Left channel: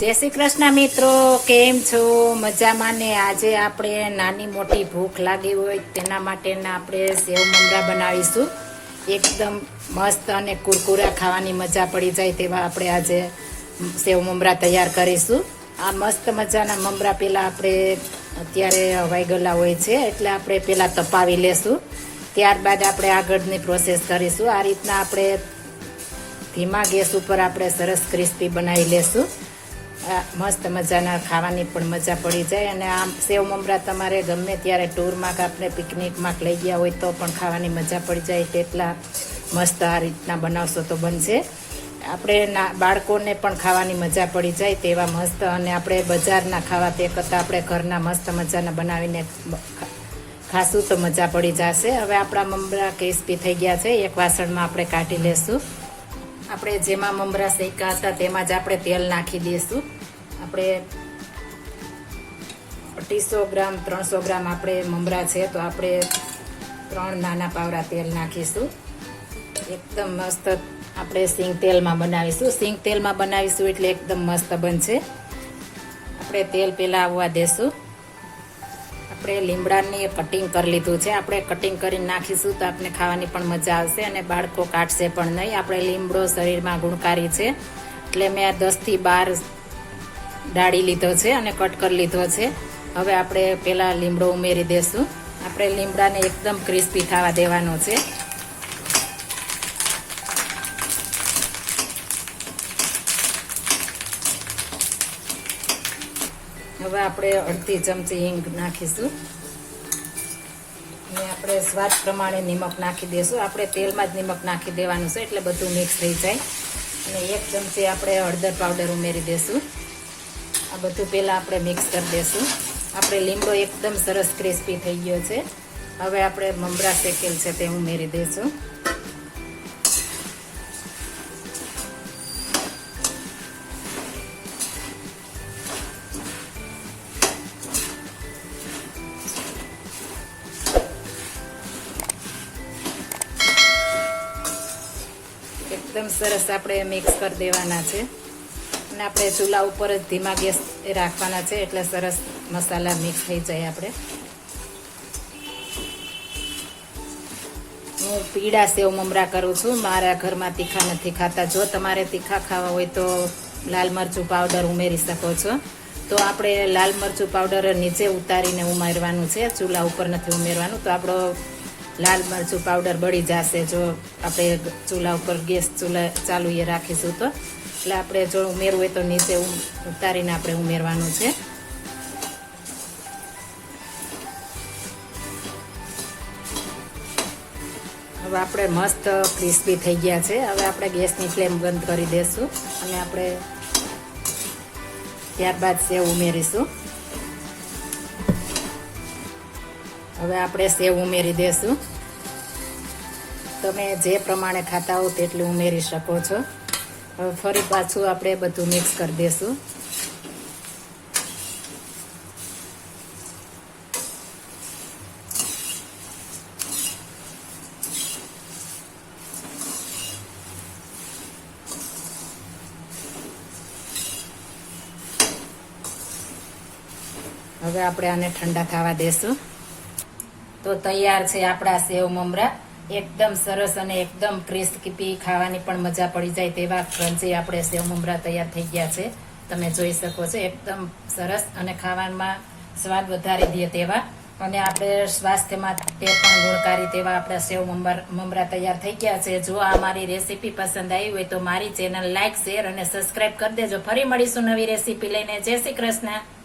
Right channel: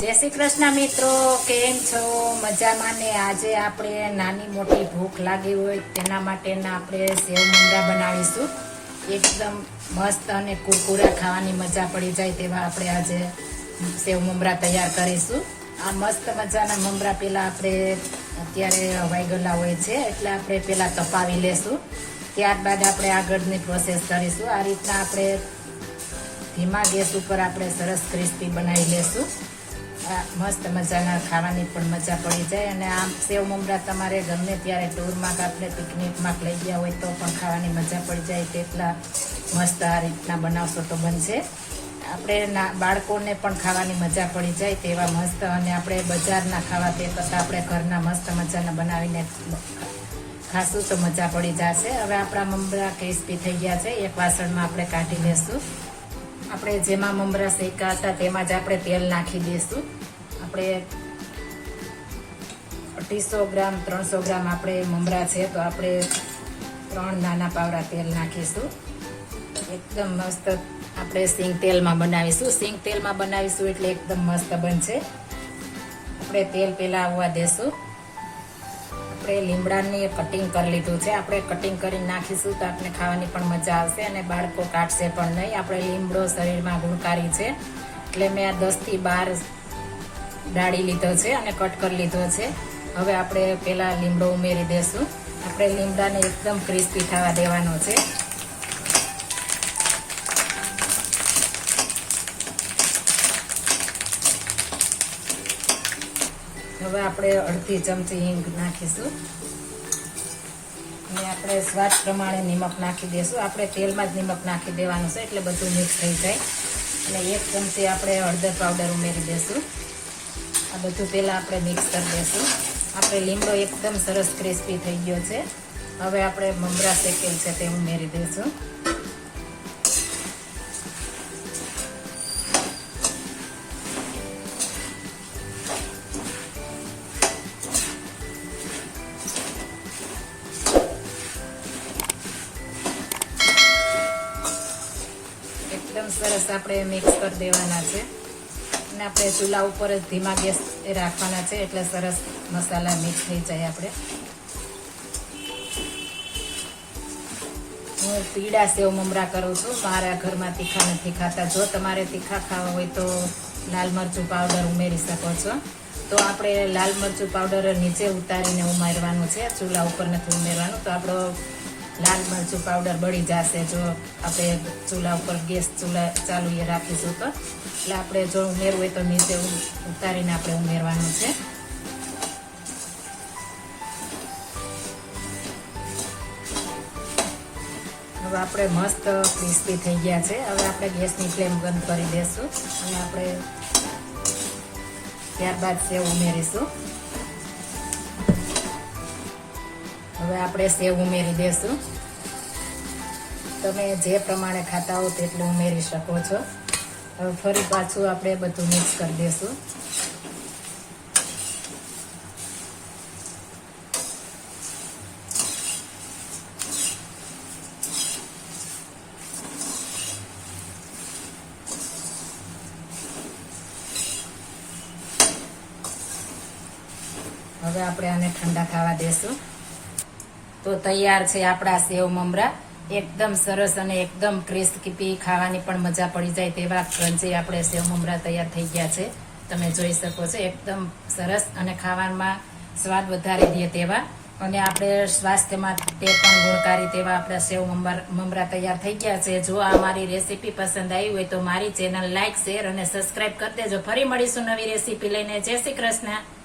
જય શ્રી કૃષ્ણ મિત્રો, કેમ છો? મજામાં ને? આજે આપણે નાની મોટી ભૂખ લાગી હોય તેના માટેના આપણે સેવ મમરા બનાવીશું. એકદમ મસ્ત અને કુરકુરા ખાવાની મજા પડી જાય તેવા આપણે આજે સેવ મમરા તૈયાર કરીશું. આ મસ્ત મજાના મમરા પેલા આપણે અત્યારે હવાઈ હોય છે, એટલે આપણે પેલા તપાવી લેશું. ત્યારબાદ આપણે આગળની પ્રોસેસ કરીશું. આ રીતના આપણે ધીમા ગેસ ઉપર આપણે સરસ ક્રિસ્પી બનાવી લેશું. મસ્ત મજાના ખાવાની પણ મજા પડી જાય અને આ સેવ મમરા તમારે ગમે ત્યારે ટૂરમાં કે આપણે પિકનિકમાં લઈ ગયા હોય તો પણ ખાવાની મજા પડી જાય તેટલા મસ્ત આ રીતના બનાવશો તો બનશે. આપણે બાળકોને પણ ખાવાની મજા પડી જાય તેવા મસ્ત અને આપણે બજારના ખાવા તે કરતાં આપણે ઘરના મસ્ત મજાના બનાવીને ખાશું તો મજા પડી જશે. હવે આપણા મમરા ક્રિસ્પી થઈ ગયા છે, એક વાસણમાં આપણે કાઢી લેશું. આપણે જેમાં મમરા શેકા હતા તેમાં જ આપણે તેલ નાખી દઈશું. આપણે અઢીસો ગ્રામ, ત્રણસો ગ્રામ આપણે મમરા છે, તો આપણે ત્રણ નાના પાવડા તેલ નાખીશું. એકદમ મસ્ત આપણે સિંગ તેલમાં બનાવીશું. સિંગ તેલમાં બનાવીશું એટલે એકદમ મસ્ત બનશે. આપણે તેલ પહેલાં આવવા દેશું. આપણે લીમડાની કટિંગ કરી લીધું છે. આપણે કટિંગ કરીને નાખીશું તો આપણે ખાવાની પણ મજા આવશે અને બાળકો કાઢશે પણ નહીં. આપણે લીમડો શરીરમાં ગુણકારી છે. એટલે મેં દસથી બાર ડાળી લીધો છે અને કટ કરી લીધો છે. હવે આપણે પહેલાં લીમડો ઉમેરી દઈશું આપણે લીમડાને એકદમ ક્રિસ્પી થવા દેવાનો છે. હવે આપણે અડધી ચમચી હિંગ નાખીશું. અને આપણે સ્વાદ પ્રમાણે નિમક નાખી દઈશું આપણે તેલમાં જ નિમક નાખી દેવાનું છે, એટલે બધું મિક્સ થઈ જાય. અને એક ચમચી આપણે હળદર પાવડર ઉમેરી દઈશું આ બધું પહેલાં આપણે મિક્સ કરી દઈશું આપણે લીમડો એકદમ સરસ ક્રિસ્પી થઈ ગયો છે. હવે આપણે મમરા શેકેલ છે તે ઉમેરી દઈશું સરસ આપણે મિક્સ કરી દેવાના છે. અને આપણે ચૂલા ઉપર જ ધીમા ગેસ રાખવાના છે એટલે સરસ મસાલા મિક્સ થઈ જાય આપણે. હું પીળા સેવ મમરા કરું છું. મારા ઘરમાં તીખા નથી ખાતા. જો તમારે તીખા ખાવા હોય તો લાલ મરચું પાવડર ઉમેરી શકો છો. તો આપણે લાલ મરચું પાવડર નીચે ઉતારીને ઉમેરવાનું છે. ચૂલા ઉપર નથી ઉમેરવાનું. તો આપણો લાલ મરચું પાવડર બળી જશે જો આપણે ચૂલા ઉપર ગેસ ચૂલા ચાલુ એ રાખીશું તો. એટલે આપણે જો ઉમેરવું હોય તો નીચે ઉતારીને આપણે ઉમેરવાનું છે. હવે આપણે મસ્ત ક્રિસ્પી થઈ ગયા છે. હવે આપણે ગેસની ફ્લેમ બંધ કરી દઈશું અને આપણે ત્યારબાદ સેવ ઉમેરીશું. હવે આપણે સેવ ઉમેરી દેશું. તમે જે પ્રમાણે ખાતા હો તેટલું ઉમેરી શકો છો. ફરી પાછું આપણે બધું મિક્સ કરી દેશું. હવે આપણે આને ઠંડા ખાવા દેશું. તો તૈયાર છે આપણા સેવ મમરા. એકદમ સરસ અને એકદમ ક્રિસ્પી ખાવાની પણ મજા પડી જાય તેવા ક્રંચી આપણે સેવ મમરા તૈયાર થઈ ગયા છે. તમે જોઈ શકો છો, એકદમ સરસ અને ખાવામાં સ્વાદ વધારી દે તેવા. અને આપણે સ્વાસ્થ્ય માટે પણ ગુણકારી તેવા આપણા સેવ મમરા તૈયાર થઈ ગયા છે. જો આ મારી રેસીપી પસંદ આવી હોય તો મારી ચેનલ લાઈક શેર અને સબસ્ક્રાઇબ કરી દેજો. ફરી મળીશું નવી રેસીપી લઈને. જય શ્રી કૃષ્ણ.